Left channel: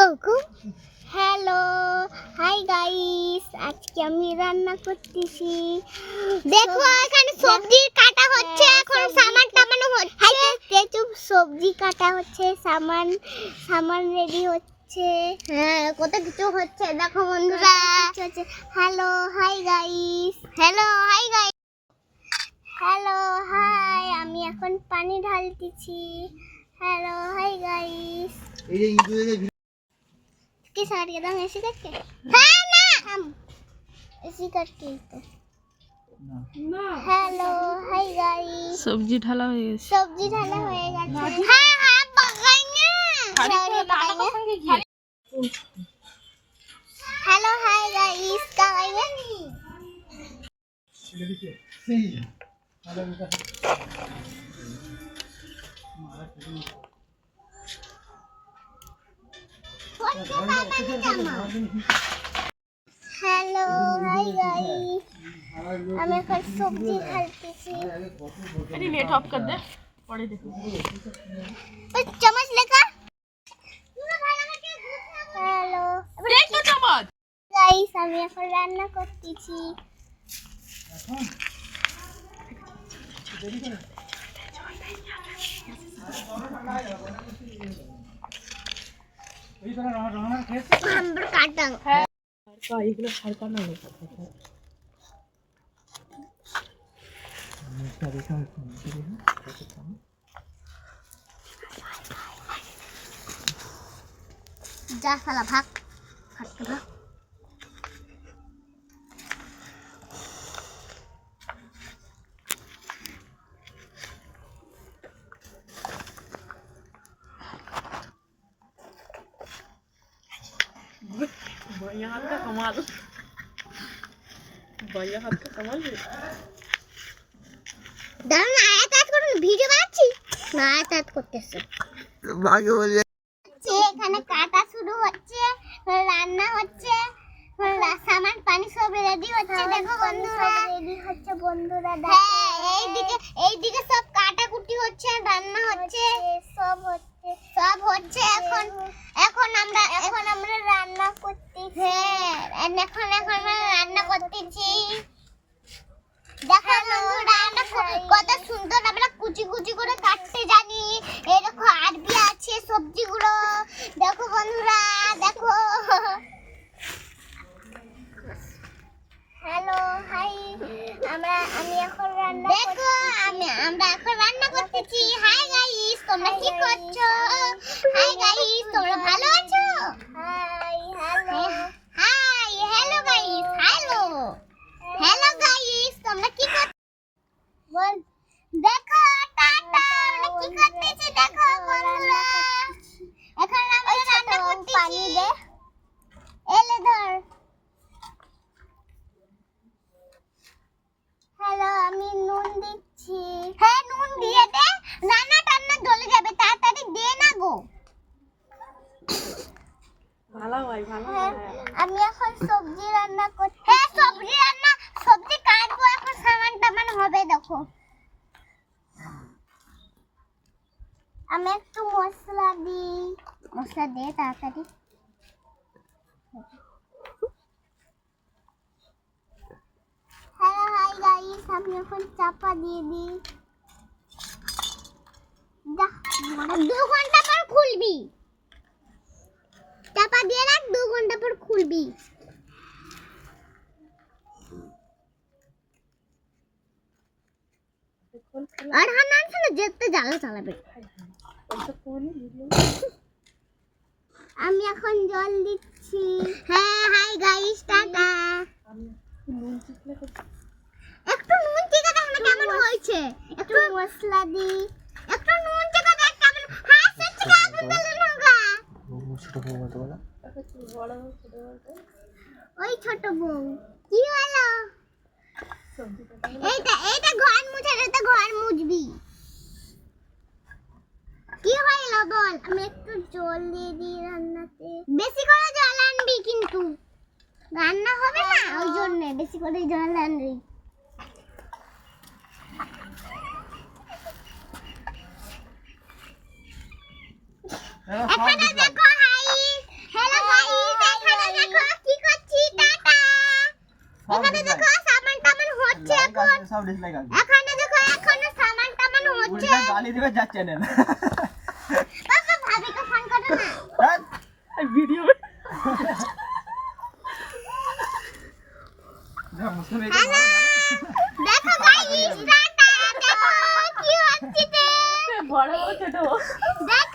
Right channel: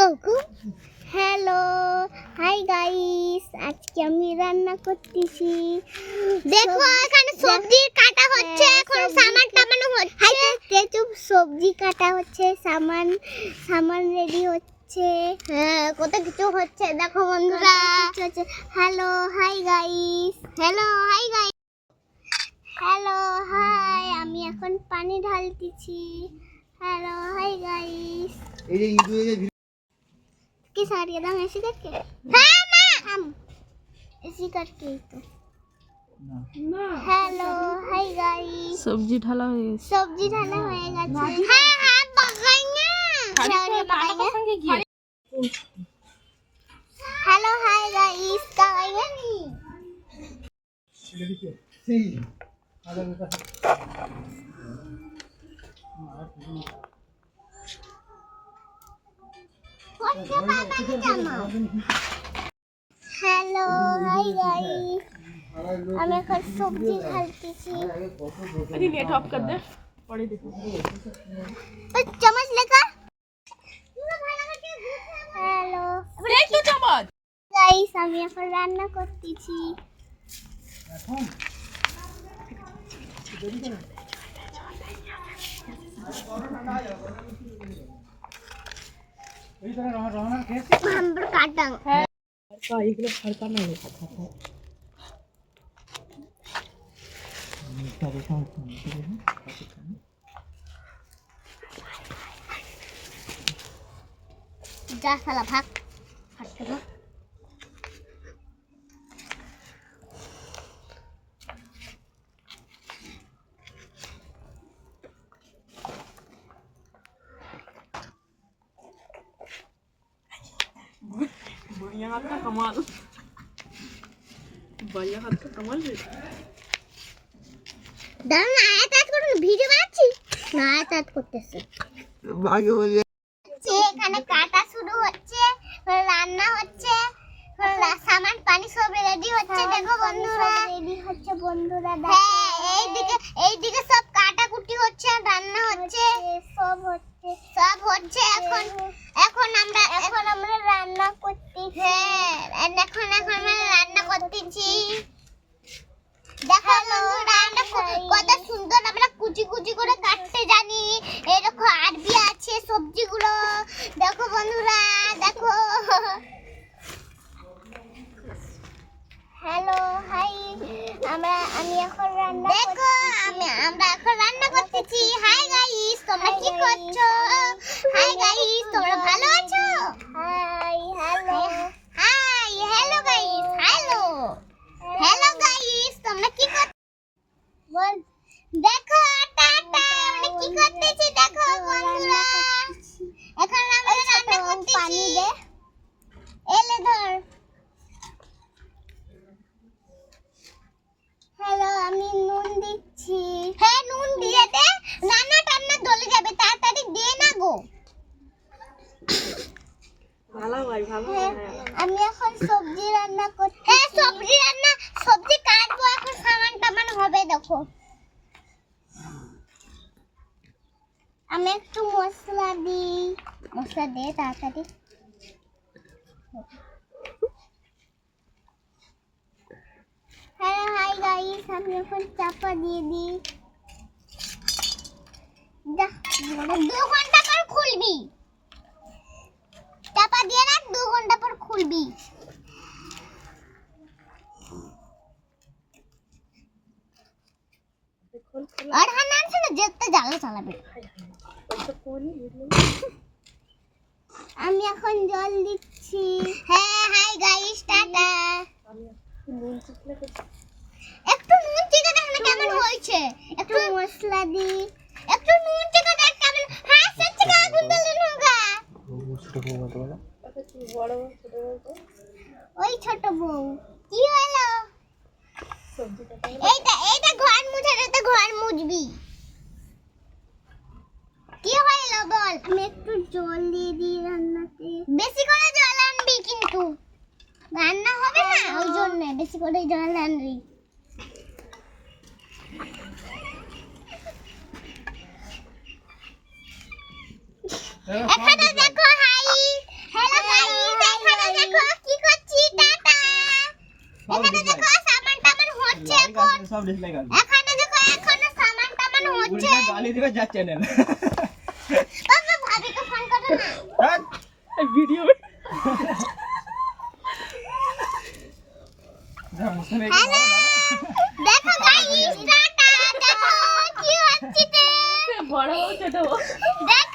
Cocoa hello hi guys, আজকে আমি রান্না করতেছি। দেখো এখানে সবজি কাটা হচ্ছে, এখন সামান টামানো হচ্ছে। তেজু সবজি কাটা হচ্ছে, সামান রেডি হচ্ছে। হ্যাঁ, কত কিছু হচ্ছে দেখো বন্ধুরা। Hello hi guys, hello hi guys, hello hi. আমি এখন পানি ঢালতেছি। Hello hi guys. এই যে ইঁদুরের के साथ एकदम ऐसे करके हाँ ना हम ऐसे करके না हेलो हाय गाइस। सब्जी ढाला हो गया। सब्जी ढाला होएगा। हाँ हाँ पकाएंगे। हेलो हाय गाइस, पकाएंगे। সেই আলাদা हेलो हाय गाइस, আমি এখন সবজি ঢালতেছি। अरे नेट ऑफ कर दे पड़े देखो। और चम्मच लेकर हेलो देख तो चम्मच गाइस, আমি এখন রান্না করতেছি। এখন এই তো রান্না খেয়েছি हम पर काटंग का एগুলো ফালকা না লেখা থাকে। जा साला भाग हट के भाग। बढ़िया हाथ का कमाल, बढ़िया हाथ का कमाल है। দাঁড়ান, আয়াত করুন, ভিডিও বানাচ্ছি না, আয়াত করতেছে। ভাগে বলে এখানে কাটা শুরু হচ্ছে, রান্না হচ্ছে, সামান পানি সব রেডি হচ্ছে। দেখো বন্ধুরা, রেডি হচ্ছে বন্ধুরা। হ্যাঁ, এইদিকে সব কাটাকুটি হচ্ছে, রান্না হচ্ছে, সব হচ্ছে। এখন আমরা রান্না করতেছি। হ্যাঁ, এখন আমরা রান্না করতেছি। দেখো বন্ধুরা, আমরা কত সুন্দর আমরা কুচি কুচি করে কাটতে জানি। এরকম আরবি আছে সবজিগুলো। দেখো বন্ধুরা, দেখো। হ্যালো হাই, আমি এখন রান্না দেখো, আমরা এখন রান্না করতেছি। হাই গাইস, তোমরা কি করছো? হাই গাইস, তোমরা ভালো আছো? Hi hello hi hello guys, hello hello guys, তোমরা কি করছো? বল দেখো টাটা, আমরা কি করতেছি দেখো বন্ধুরা। এখন আমরা রান্না করতেছি। পানি দে, এলে ধর। হ্যালো, আমি নুন দিচ্ছি। হ্যাঁ, নুন দিয়ে দে, রান্না টান্না জ্বলে যাবে, তাড়াতাড়ি দে না গো। ভালো ভাই ভালো। আমি এখন সবজি রান্না করছি। হ্যাঁ, সবজি কাটবো, এখন সামান টামান হবে। দেখো আমি একটু মশলা দিই, মশলা দে তাড়াতাড়ি। হ্যালো হাই গাইস, আমি এখন চাপা দিয়ে দিই। 2 ঘন্টা পর খুলবি, চাপা দিয়ে রাখ, 2 ঘন্টা পর খুলবি। আর হানান ছিল যেতে জ্বালা চালাবে। আমি এখন জল দিচ্ছি। হ্যাঁ হাই গাইস, টাটা। একটু নুন চিকা দেখ না কেমন হয়েছে। একটু মশলা দি, একটু নুন চিকা দেখ কেমন। হ্যাঁ সত্যি কা আগুন দিলেন হোগা। ছোট বউ মতো বলা বড় ছোট বড় ওই ছোট বউ কি হলো? সবজি কাটা এইটা ঘর মুছে দে, ঘর মুছবি। কি হলো বল? আমি একটু জল দিয়ে দিই রান্নাতে। বেশি করে জল আনবি কিন্তু, রান্না হবে না, ওই জন্য বেশি করে জল আনবি। এখানে দেখো হাই দেখো কি করছি টাটা এখানে দেখো সামান টামান হচ্ছে এখন সব ডিসলাইক আছে এখানে দেখো এখনো সামান টামান হচ্ছে উল্টা গালি দিবে যা চ্যানেল বাবা ভাবিকে ফোন করো না ভিডিও যা মুসলে হ্যালো দেখো গাইস টাটা দেখো কি হচ্ছে বড় ছোট দেখো